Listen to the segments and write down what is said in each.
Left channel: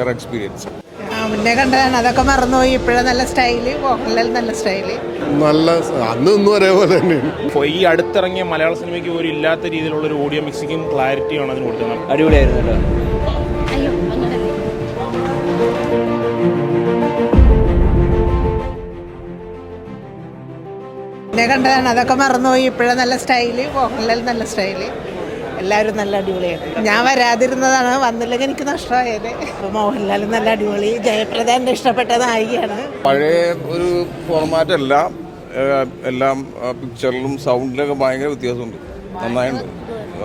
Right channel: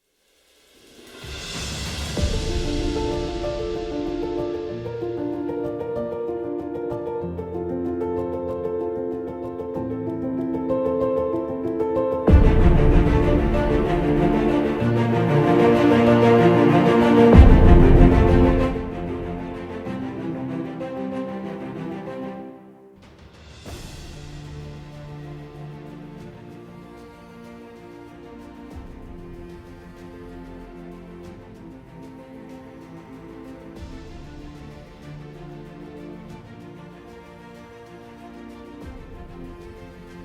Rare experience. മുന്നേ കണ്ടതാണ്, അതൊക്കെ മറന്നുപോയി. ഇപ്പോഴും നല്ല സ്റ്റൈല്, മോഹൻലാൽ നല്ല സ്റ്റൈല്, നല്ല അന്ന് ഇന്നും ഒരേപോലെ തന്നെയാണ്. ഇപ്പോൾ ഈ അടുത്തിറങ്ങിയ മലയാള സിനിമയ്ക്ക് ഒരു ഇല്ലാത്ത രീതിയിലുള്ള ഒരു ഓഡിയോ മിക്സിങ്ങും ക്ലാരിറ്റിയാണ് അതിന് കൊടുക്കുന്നത്. അടിപൊളിയായിരുന്നു. മുന്നേ കണ്ടതാണ്, അതൊക്കെ മറന്നുപോയി. ഇപ്പോഴും നല്ല സ്റ്റൈല്, മോഹൻലാൽ നല്ല സ്റ്റൈല്, എല്ലാവരും നല്ല അടിപൊളിയാണ്. ഞാൻ വരാതിരുന്നതാണ്, വന്നില്ലെങ്കിൽ എനിക്ക് നഷ്ടമായത്. അപ്പോൾ മോഹൻലാൽ നല്ല അടിപൊളി, ജയപ്രദ എൻ്റെ ഇഷ്ടപ്പെട്ട നായികയാണ്. പഴയ ഒരു ഫോർമാറ്റ് അല്ല, എല്ലാം പിക്ചറിലും സൗണ്ടിലൊക്കെ ഭയങ്കര വ്യത്യാസമുണ്ട്. നന്നായിട്ടുണ്ട്,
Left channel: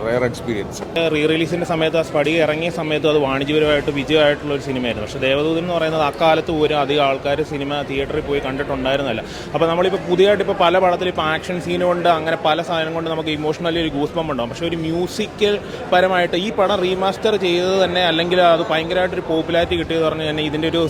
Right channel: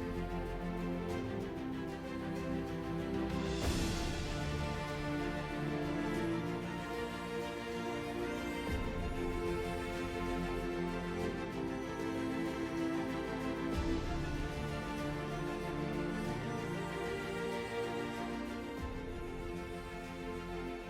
റയർ എക്സ്പീരിയൻസ്. റീ റിലീസിൻ്റെ സമയത്ത് ആ സ്പടിക ഇറങ്ങിയ സമയത്ത് അത് വാണിജ്യപരമായിട്ട് വിജയമായിട്ടുള്ള ഒരു സിനിമയായിരുന്നു. പക്ഷേ ദേവദൂതൻ എന്ന് പറയുന്നത് അക്കാലത്ത് പോലും അധികം ആൾക്കാർ സിനിമ തിയേറ്ററിൽ പോയി കണ്ടിട്ടുണ്ടായിരുന്നില്ല. അപ്പോൾ നമ്മളിപ്പോൾ പുതിയതായിട്ട് ഇപ്പോൾ പല പടത്തിൽ ഇപ്പോൾ ആക്ഷൻ സീൻ കൊണ്ട് അങ്ങനെ പല സാധനം കൊണ്ട് നമുക്ക് ഇമോഷണലി ഒരു ഗൂസ്ബംപ് ഉണ്ടാകും. പക്ഷേ ഒരു മ്യൂസിക്കൽ പരമായിട്ട് ഈ പടം റീമാസ്റ്റർ ചെയ്തത് തന്നെ, അല്ലെങ്കിൽ അത് ഭയങ്കരമായിട്ടൊരു പോപ്പുലാരിറ്റി കിട്ടിയത് പറഞ്ഞാൽ തന്നെ ഇതിൻ്റെ ഒരു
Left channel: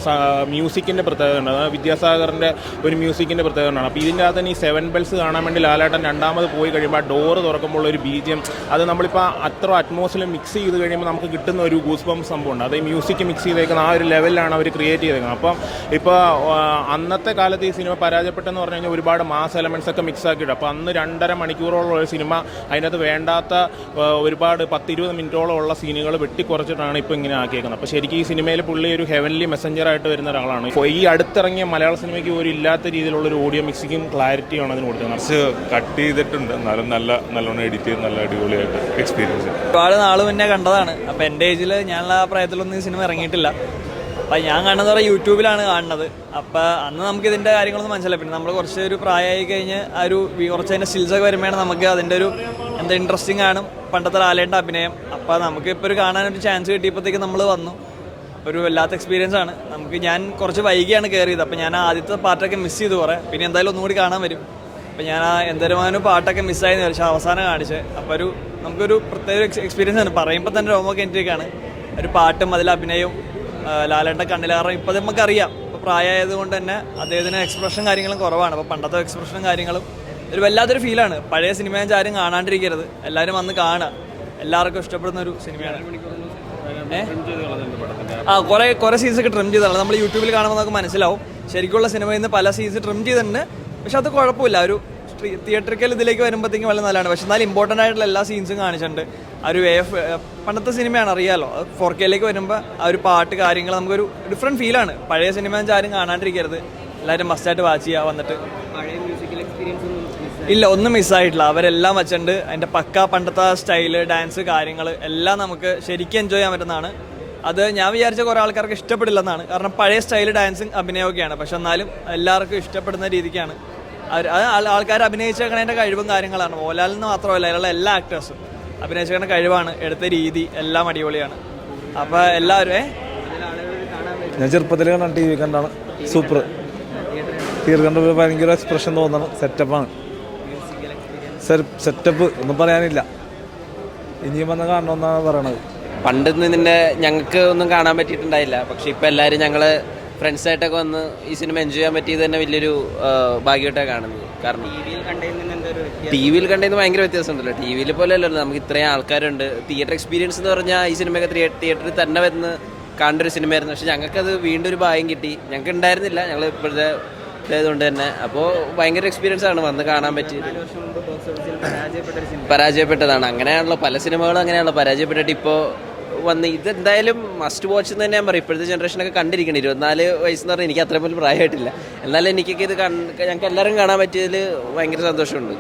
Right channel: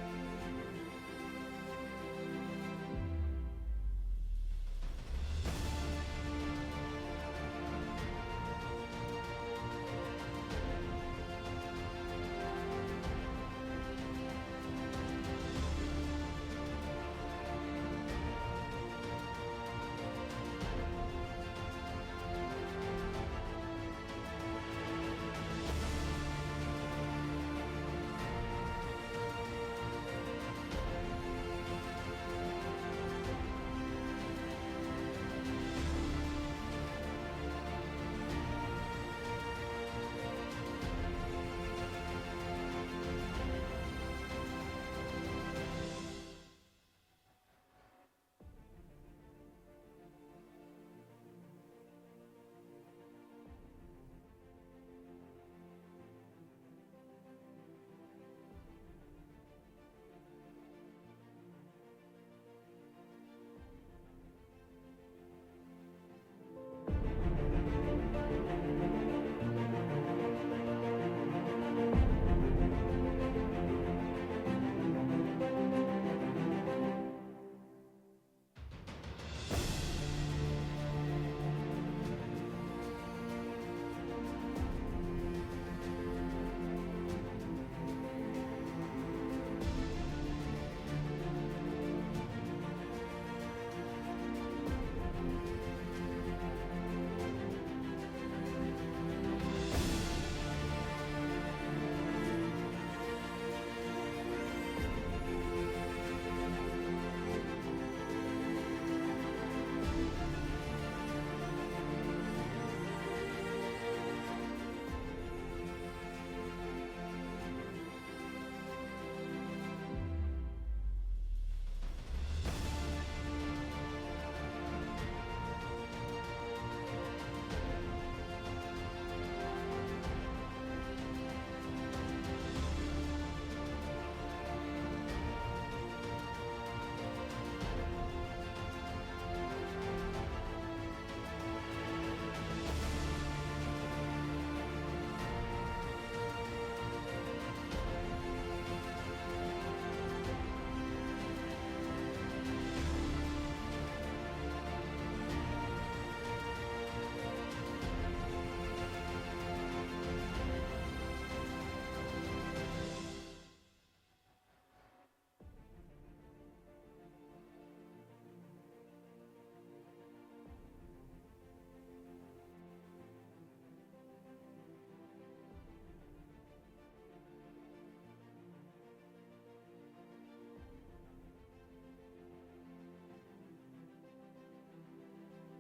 മ്യൂസിക്കിൻ്റെ പ്രത്യേകത ഉണ്ട്. അതായത് വിദ്യാസാഗറിൻ്റെ ഒരു മ്യൂസിക്കിൻ്റെ പ്രത്യേകത ഉണ്ടാണ്. അപ്പോൾ ഇതിൻ്റെ അകത്ത് തന്നെ ഈ 7 Bells കാണാൻ വേണ്ടി ലാലേട്ടൻ രണ്ടാമത് പോയി കഴിയുമ്പോൾ ആ ഡോറ് തുറക്കുമ്പോൾ ഒരു BGM, അത് നമ്മളിപ്പോൾ അത്ര അറ്റ്മോസ്ഫിയർ മിക്സ് ചെയ്ത് കഴിയുമ്പോൾ നമുക്ക് കിട്ടുന്ന ഒരു ഗൂസ്ബംപ് സംഭവമുണ്ട്. അത് ഈ മ്യൂസിക് മിക്സ് ചെയ്തേക്കുന്ന ആ ഒരു ലെവലിലാണ് അവർ ക്രിയേറ്റ് ചെയ്തേക്കുന്നത്. അപ്പം ഇപ്പോൾ അന്നത്തെ കാലത്ത് ഈ സിനിമ പരാജയപ്പെട്ടെന്ന് പറഞ്ഞു കഴിഞ്ഞാൽ ഒരുപാട് മാസ് എലമെൻറ്റ്സ് ഒക്കെ മിക്സ് ആക്കിയിട്ട്, അപ്പോൾ അന്ന് 2.5 മണിക്കൂറോളം ഒരു സിനിമ അതിനകത്ത് വേണ്ടാത്ത ഒരുപാട് 10-20 മിനിറ്റോളം ഉള്ള സീനുകൾ വെട്ടിക്കുറച്ചിട്ടാണ് ഇപ്പോൾ ഇങ്ങനെ ആക്കിയേക്കുന്നത്. അപ്പോൾ ശരിക്കും ഈ സിനിമയിൽ പുള്ളി ഒരു ഹെവൻലി മെസ്സഞ്ചറായിട്ട് വരുന്ന ഒരാളാണ്. ഇപ്പോൾ ഈ അടുത്തിറങ്ങിയ മലയാള സിനിമയ്ക്ക് ഒരു ഇല്ലാത്ത രീതിയിലുള്ള ഒരു ഓഡിയോ മിക്സിങ്ങും ക്ലാരിറ്റിയാണ് അതിന് കൊടുക്കുന്നത്. കട്ട് ചെയ്തിട്ടുണ്ട്, എന്നാലും നല്ലോണം എഡിറ്റ് ചെയ്ത് നല്ല അടിപൊളിയായിട്ട് എക്സ്പീരിയൻസ്. ഒരുപാട് നാൾ മുന്നേ കണ്ടതാണ്. അപ്പോൾ എൻ്റെ ഏജിൽ ഞാനുള്ള ആ പ്രായത്തിലൊന്നും ഈ സിനിമ ഇറങ്ങിയിട്ടില്ല. അപ്പം ഞാൻ കാണുന്നത് പറഞ്ഞാൽ യൂട്യൂബിലാണ് കാണുന്നത്. അപ്പോൾ അന്ന് നമുക്ക് ഇതിൻ്റെ കാര്യങ്ങളൊന്നും മനസ്സിലായി. പിന്നെ നമ്മൾ കുറച്ച് ഒരു പ്രായമായി കഴിഞ്ഞ് ആ ഒരു കുറച്ച് അതിൻ്റെ സ്റ്റിൽസൊക്കെ വരുമ്പോഴാണ് നമുക്ക് അതിൻ്റെ ഒരു എന്താ ഇൻട്രസ്റ്റിംഗ് ആണ് പണ്ടത്തെ ലാലേട്ടൻ്റെ അഭിനയം. അപ്പോൾ നമുക്ക് ഇപ്പോൾ ഒരു കാണാനൊരു ചാൻസ് കിട്ടിയപ്പോഴത്തേക്ക് നമ്മൾ വന്നു. ഒരു വല്ലാത്ത എക്സ്പീരിയൻസ് ആണ് നമുക്ക്. ഞാൻ കുറച്ച് വൈകിയാണ് കയറിയത്. അപ്പോൾ ഞാൻ ആദ്യത്തെ പാട്ടൊക്കെ മിസ് ചെയ്തു കുറേ. പിന്നെ എന്തായാലും ഒന്നുകൂടി കാണാൻ വരും. അപ്പോൾ ഞാൻ ആ എന്തരമാനും പാട്ടൊക്കെ മിസ്സായെന്ന് വെച്ചാൽ അവസാനം കാണിച്ച്. അപ്പോൾ നമുക്കൊരു പ്രത്യേക എക്സ്പീരിയൻസ് ആണ്. പറയുമ്പോൾ തന്നെ രോമൊക്കെ എനിക്കാണ്. ഒരു പാട്ടും അതിൽ അഭിനയവും ലാലേട്ടൻ്റെ കണ്ണിലാറും. ഇപ്പോൾ നമുക്കറിയാം, ഇപ്പോൾ പ്രായമായതുകൊണ്ട് തന്നെ അദ്ദേഹത്തിന് എക്സ്പ്രഷൻ കാര്യങ്ങളും കുറവാണ്. അപ്പോൾ പണ്ടത്തെ എക്സ്പ്രഷനും കാര്യങ്ങളും ഒരു വല്ലാത്തൊരു ഫീലാണ്. പഴയ സിനിമ ആരും കാണാണ്ടിരിക്കരുത്, എല്ലാവരും വന്ന് കാണുക. എല്ലാവർക്കും ഇഷ്ടപ്പെടുന്ന ഒരു സിനിമയാണ്. കുറേ സീൻസൊക്കെ ട്രിം ചെയ്തതാണ്. നമ്മൾ യൂട്യൂബിൽ കാണുമ്പോൾ നമുക്ക് മനസ്സിലാവും. ശരിക്കുള്ള സിനിമയിൽ നിന്ന് പല സീൻസ് ട്രിം ചെയ്തിട്ടുണ്ട്. പക്ഷെ അത് കുഴപ്പമില്ല. ഒരു തിയേറ്ററിക്കൽ ഇതിലേക്ക് വരുമ്പോഴത്തേക്കും വളരെ നല്ലതാണ്. പക്ഷെ എന്നാലും ഇമ്പോർട്ടൻ്റ് ആയിട്ടുള്ള എല്ലാ സീൻസും കാണിച്ചിട്ടുണ്ട്. ആ ഒരു പണ്ടത്തെ സിനിമയാണ്, അറിയാമല്ലോ. 4Kയിലേക്ക് വരുമ്പോൾ ആ ഒരു പാട്ട് കാര്യങ്ങൾ നമുക്കൊരു ഡിഫറെൻറ്റ് ഫീലാണ്. പഴയ സിനിമ ആരും കാണാണ്ടിരിക്കരുത്, എല്ലാവരും മസ്റ്റായിട്ട് വാച്ച് ചെയ്യുക വന്നിട്ട്. ഇല്ല, ഒന്നും മിസ്സായിട്ടില്ല. അവരെല്ലാം വെച്ചിട്ടുണ്ട്. അതിൻ്റെ പക്ക പണ്ടത്തെ സ്റ്റൈല്, ഡാൻസ് കാര്യങ്ങൾ എല്ലാം നമുക്ക് ശരിക്കും എൻജോയ് ചെയ്യാൻ പറ്റുന്നതാണ്. അത് ഞാൻ വിചാരിച്ച കുറേ ആൾക്കാർക്ക് ഇഷ്ടപ്പെടില്ലെന്നാണ്. കാരണം പഴയ സ്റ്റൈല് ഡാൻസും അഭിനയമൊക്കെയാണ്. പക്ഷെ എന്നാലും എല്ലാവർക്കും ഇഷ്ടപ്പെടുന്ന രീതിക്കാണ് ആൾക്കാർ അഭിനയിച്ചേക്കണതിൻ്റെ കഴിവും കാര്യങ്ങളാണ്. മോഹൻലാലിൽ നിന്ന് മാത്രമല്ല, അതിലുള്ള എല്ലാ ആക്ടേഴ്സും അഭിനയിച്ചേക്കണ കഴിവാണ്, എടുത്ത രീതി എല്ലാം അടിപൊളിയാണ്. അപ്പോൾ എല്ലാവരും ഞാൻ ചെറുപ്പത്തിൽ കണ്ട TV കണ്ടാണ്. സൂപ്പർ. തിയേറ്റർ കണ്ട ഭയങ്കര എക്സ്പ്രഷൻ തോന്നണം. സെറ്റപ്പാണ്. സെറ്റപ്പ് ഒന്നും പറയാനില്ല. ഇനിയും വന്ന് കാണണമെന്നാണ് പറയണത്. പണ്ടൊന്നും ഇതിൻ്റെ ഞങ്ങൾക്ക് ഒന്നും കാണാൻ പറ്റിയിട്ടുണ്ടായില്ല. പക്ഷെ ഇപ്പോൾ എല്ലാവരും ഞങ്ങൾ ഫ്രണ്ട്സായിട്ടൊക്കെ വന്ന് ഈ സിനിമ എൻജോയ് ചെയ്യാൻ പറ്റിയത് തന്നെ വലിയൊരു ഭാഗ്യമായിട്ടാണ് കാണുന്നത്. കാരണം ടി വിയിൽ കണ്ടതിന് ഭയങ്കര വ്യത്യാസമുണ്ടല്ലോ. ടി വിയിൽ പോലെ അല്ലല്ലോ, നമുക്ക് ഇത്രയും ആൾക്കാരുണ്ട്. തിയേറ്റർ എക്സ്പീരിയൻസ് എന്ന് പറഞ്ഞാൽ ഈ സിനിമയൊക്കെ തിയേറ്ററിൽ തന്നെ വരുന്ന കാണേണ്ട ഒരു സിനിമയായിരുന്നു. പക്ഷെ ഞങ്ങൾക്കത് വീണ്ടും ഒരു ഭാഗ്യം കിട്ടി. ഞങ്ങൾക്ക് ഉണ്ടായിരുന്നില്ല, ഞങ്ങൾ ഇപ്പോഴത്തെ ഇതായതുകൊണ്ട് തന്നെ. അപ്പോൾ ഭയങ്കര എക്സ്പീരിയൻസ് ആണ് വന്ന് കാണാൻ പറ്റിയത്. പരാജയപ്പെട്ടതാണ്. അങ്ങനെയാണല്ലോ പല സിനിമകളും, അങ്ങനെയാണല്ലോ പരാജയപ്പെട്ടിട്ട് ഇപ്പോൾ വന്ന് ഇതെന്തായാലും മസ്റ്റ് വാച്ച് എന്ന് തന്നെ ഞാൻ പറയും. ഇപ്പോഴത്തെ ജനറേഷനൊക്കെ കണ്ടിരിക്കണം. 24 വയസ്സെന്ന് പറഞ്ഞാൽ എനിക്ക് അത്ര പോലും പ്രായമായിട്ടില്ല. എന്നാലും എനിക്കൊക്കെ ഇത് ഞങ്ങൾക്ക് എല്ലാവരും കാണാൻ പറ്റിയതിൽ ഭയങ്കര സന്തോഷമുണ്ട്.